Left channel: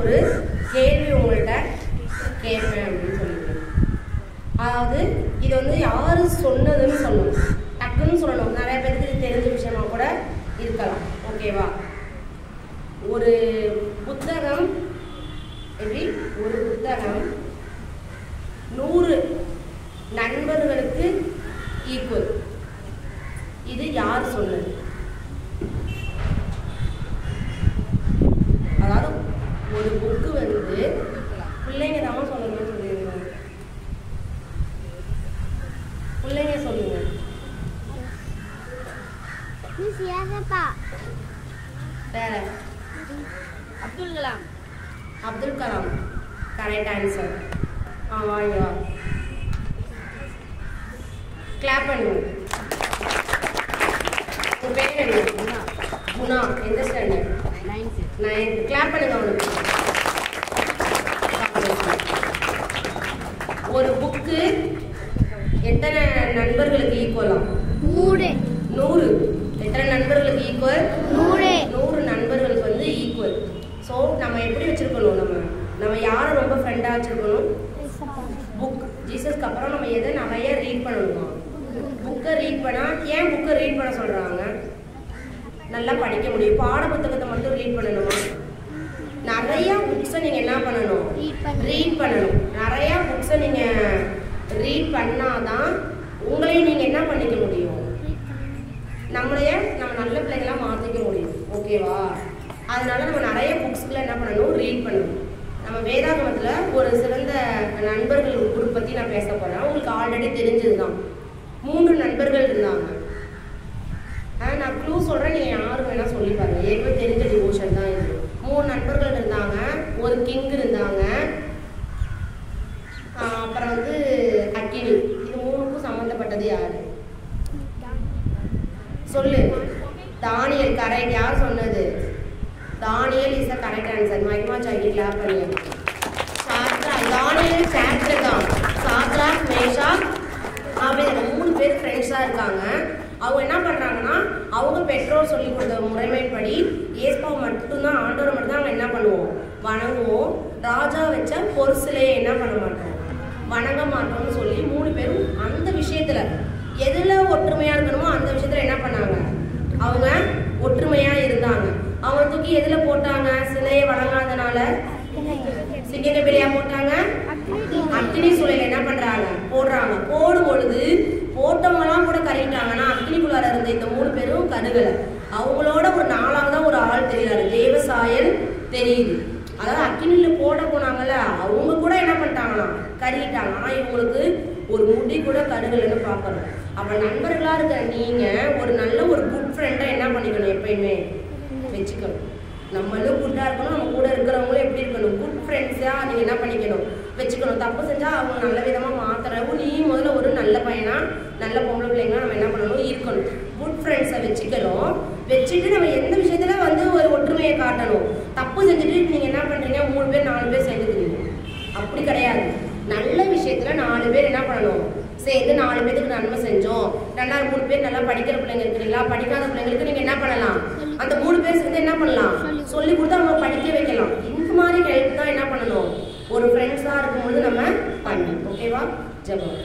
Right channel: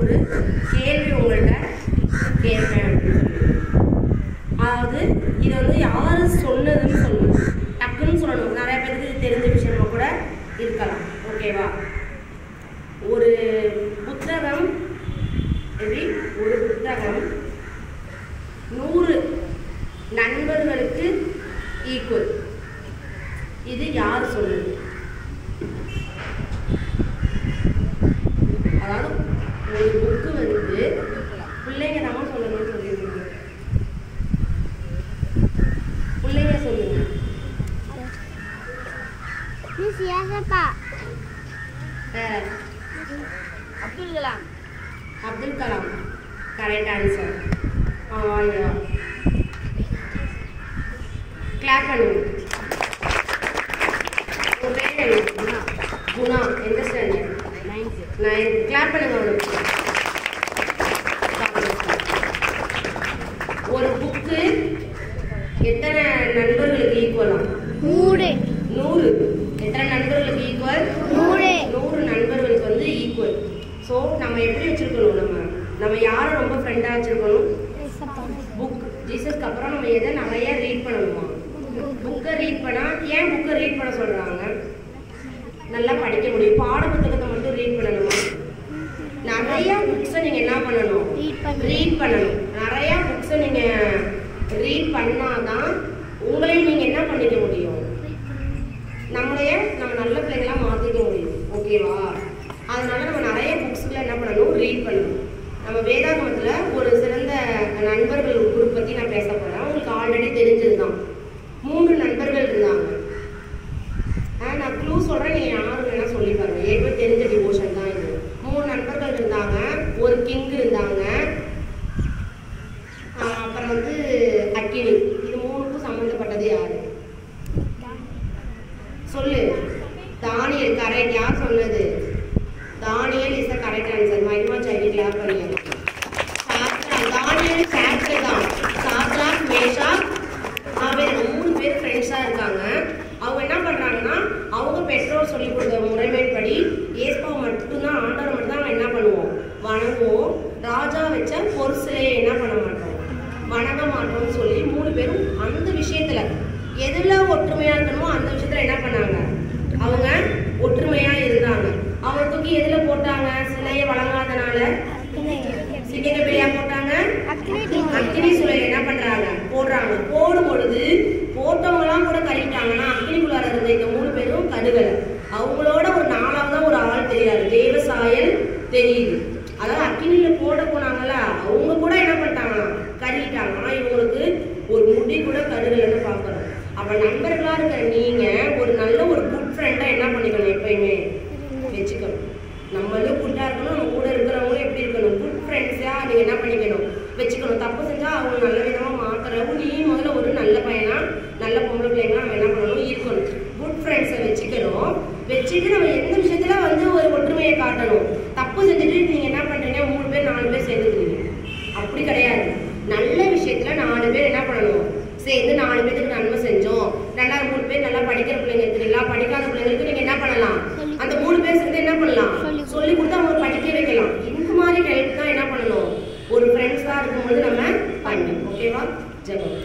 ஒரு கேள்வி உங்கள்கிட்ட கேட்பேன் அப்படின்னு சொல்லி. அதாவது இது வந்து யாரு சொன்னதுன்னு சொல்லணும், டக்குன்னு சொல்லணும். நிறைய பேருக்கு இது தெரிஞ்ச விஷயமா கூட இருக்கலாம். ஓகேவா? ஒரு புத்தகம் எப்படி, ஒரு புத்தகம் 100 நண்பர்களுக்கு ஈக்குவல். இது யார் சொன்னது? அதாவது ஒரு புக்கு வந்து பிள்ளைங்க தான் சொல்லணும்னு சொல்லியிருக்காங்க. பிள்ளைங்க சொல்லுங்க. வேற அப்துல் கலாம். Abdul Kalam correct answer. வாங்க கிளாப் பண்ணுங்க. உங்க பேர் என்ன? குணா. குணா எந்த ஸ்டாண்டர்ட்? 9th. கிளாப் பண்ணுங்க அவனுக்கு. ஒரு புக்கு எத்தனை நண்பர்களுக்கு ஈக்குவலா? 100. எத்தனை நண்பர்களுக்கு ஈக்குவல்? 100 நண்பர்களுக்கு வந்து ஈக்குவல். ஸோ நம்ம எப்படி வச்சிருக்கணும், நம்ம யாரை ரொம்ப ஃப்ரெண்டாக வச்சிருக்கணும்? புக். ஜீசஸ்க்கு அப்புறம் நம்ம எதை நிறைய ரீட் பண்ணணுமா? புக்கை ரீட் பண்ணால். ஏன் புக்கை ரீட் பண்ண சொல்கிறாங்க? நல்லா படிக்க முடியும். பாட புத்தகத்தை மட்டும் ரீட் பண்ணணுமா? நிறைய புக்ஸை நீங்கள் என்ன பண்ணணும்? ரீட் பண்ணணும். நிறைய புக்ஸை நீங்கள் ரீட் பண்ணாதான் உங்களையும் நீங்கள் என்ன பண்ணிக்க முடியும்? நம்ம நல்ல பிள்ளைகளாக மாற்றிக்க முடியும். ஓகேவா? அதனால நம்ம நிறைய புக்ஸ்ல என்ன பண்ணணும்? ரீட் பண்ணணும். நம்ம வேதாகமத்தில் ஒரு சிறந்த நண்பர்கள் குரூப் பற்றி நான் பேச போகிறேன். உங்களுக்கு ஆல்ரெடி தெரிஞ்சதுதான். 3 நண்பர்கள் இருந்தாங்க. நான் க்ளூ சொல்கிறேன், நீங்கள் யாரும் வேணால் சொல்லி பாருங்க. ஏற்கனவே தெரிஞ்ச டிவோஷன் தான் இது. 3 நண்பர்கள் இருந்தாங்க. ஒரு கிங் இருந்தாங்க. அப்புறம் வந்து அக்கினி. இது 3க்கும் சம்மந்தப்பட்டது யாரு? சொல்லு. தானியல். கரெக்ட். யார் சொன்னது? Daniel is the correct answer. மைமா சாக்கி கிளாப் பண்ணுங்க. தானியல் சாப்டர் தான். சாத்ராக், மேஷாக், ஆபேல் 3 பேர் ஃப்ரெண்ட்ஸா இருக்காங்க. அவங்க என்ன பண்றாங்கன்னா, அவங்க பெற்றோர் சொல்லி கொடுத்த முறைமைப்படி ஏஸ்பாவை மட்டும்தான், ஆண்டவரை மட்டும் தான் அவங்க என்ன பண்ணுவோம்? வணங்குவோம். ராஜா வச்ச பொருசிலையை என்ன பண்ண மாட்டோம்? வணங்க மாட்டோம்னு சொல்லி 3 பேரும் அந்த விஷயத்துல எதுல ஒற்றுமையா இருக்கணுமோ அந்த விஷயத்துல என்ன பண்ணாங்க? அவங்க ஒற்றுமையா இருந்தாங்க. அவங்க தூக்கி எதுல போட்டாங்க? சிலையை வணங்காதனால சிங்க வெளியா போட்டாங்க. அக்னி சூளையில என்ன பண்றாங்க? போடுறாங்க. போடும் பொழுது போட்டவங்க எல்லாம் கூட கழிட்டாங்கன்னா அக்னிக்குள்ளார இருந்த இந்த 3 பேரும் கருகலை. அவங்களோட ஒரு 4ஆவதா ஒரு ஆள் தெரியாது. தேவசாயல் தெரியுது. அதாவது அக்னியில போட போனாங்கல்ல, அவங்க கூட என்ன பண்ணிட்டாங்கன்னா கருகிட்டாங்க. ஆனா இவங்களுக்கு ஒரு முடி கூட கருகலைன்னு பார்க்கணும். அப்ப நண்பர்களா இருக்கிற நீங்க ஒரு நல்ல ஒரு குட் ஃப்ரெண்டா என்ன பண்ணிக்கணும்? எப்பயுமே வச்சுக்கணும். நம்மளும் குட்டா இருக்கணும். நம்ம கூட இருக்கிறவங்களும் எப்படி இருக்கணும்? குட் ஃப்ரெண்ட்ஸா நீங்க என்ன பண்ணிக்கணும்? வச்சுக்கணும். தப்பு செஞ்சா அவங்க நல்ல விதமா மாத்துறவும் நீ முதல்ல ஒரு நல்ல பையனா, நல்ல பொம்பளை பிள்ளைங்க நம்ம என்ன பண்ணணும்? இருக்கணும். குட் ஃப்ரெண்ட்ஸை வச்சுக்கணும். வச்சுட்டு நம்ம எந்த விஷயத்துல வந்து ஒரு ஒற்றுமையை காட்டணும். தப்பு செஞ்சுட்டு நீங்க என்ன பண்றீங்க? 3 பேர் 4 பேர் சேர்ந்துக்கிறீங்க. அப்படி கிடையாது. நல்ல விஷயத்துல 4 பேர் என்ன பண்ணணும்? சேர்ந்து 4 பேருக்கு நன்மை செஞ்சோம். 3 பேர் நல்லா படிக்கிற பிள்ளைங்க இருக்கிறீங்களா? படிக்காத பிள்ளைங்களுக்கு நீங்க என்ன பண்ணலாம்? அந்த 3 பேர் சேர்ந்து என்ன பண்ணலாம்? சொல்லி கொடுத்து அவங்க படிக்க வைக்கலாம். இந்த மாதிரி ஹெல்ப் தான் என்ன பண்ணணும்? ஒரு ஃப்ரெண்ட்ஸா இருக்கும்போது நம்ம பண்ணணும். ஓகேவா? ஜெபம்.